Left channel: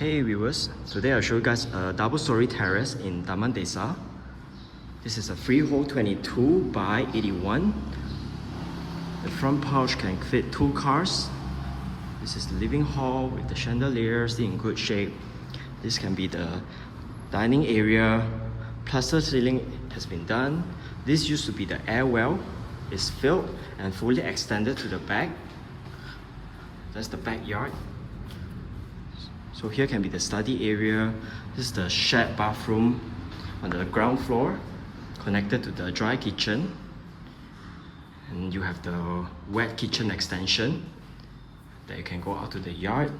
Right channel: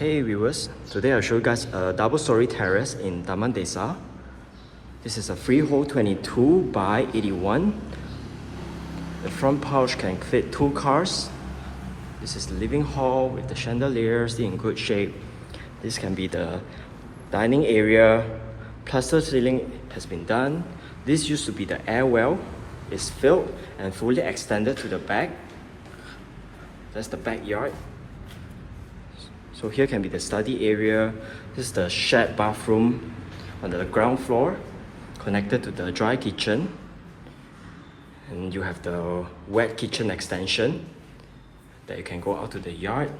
Hey viewers, today I'll show you guys a double-story terrace in Taman Desa. This is a Freehold 22 by 81. The front porch can fit 2 cars. This is the living hall with the chandeliers in good shape. This can be the dining area. Plaster ceiling has been done. This used to be the air well. It's filled and fully extended to the back. That's the backyard. So here can be the study area. This is the shared bathroom on the ground floor, connected to the dry kitchen. And you have the wet kitchen extension that you can go out to the yard.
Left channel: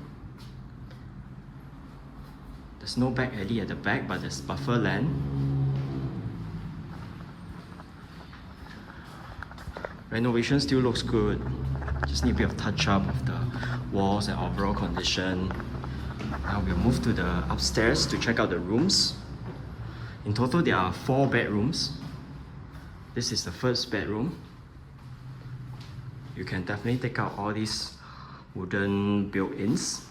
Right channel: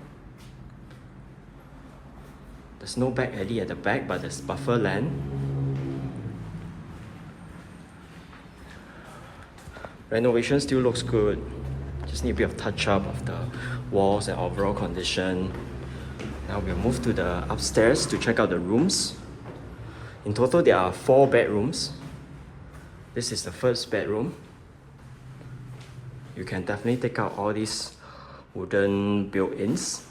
There's no back alley at the back, but there's buffer land. Renovation still looks good. Just need a bit of touch up of the walls and overall condition. Now we'll move to the upstairs to check out the rooms. In total, there are 4 bedrooms. This is the first bedroom. You can definitely take out all these wooden built-ins.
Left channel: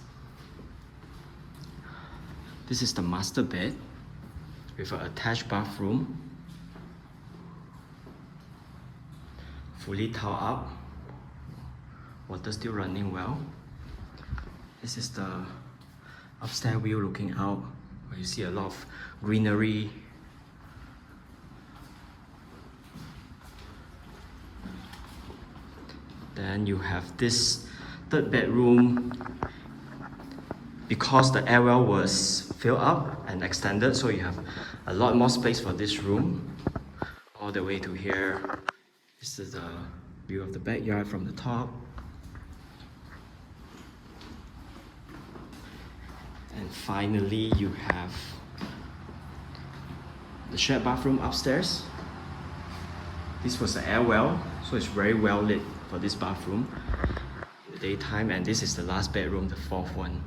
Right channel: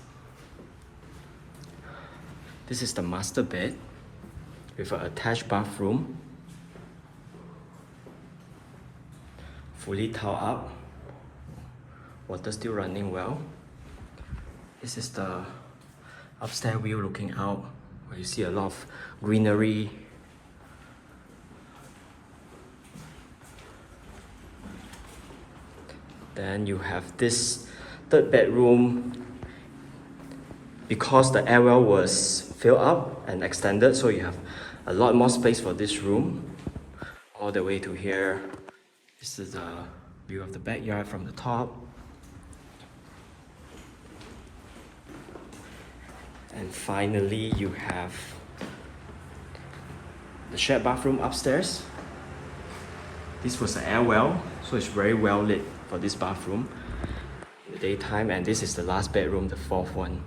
This is the master bed with an attached bathroom. Fully tiled up. Water still running well. This is the upstairs view looking out, where you see a lot of greenery. Then you have this third bedroom. Because the air well was filled up and extended, so you have a lot more space for this room. All the way to here. This is a view of the backyard from the top. And finally, you have the shared bathroom upstairs. This was the air well, so it's very well lit for this bathroom in the daytime. And this is the last bedroom, the 4th one.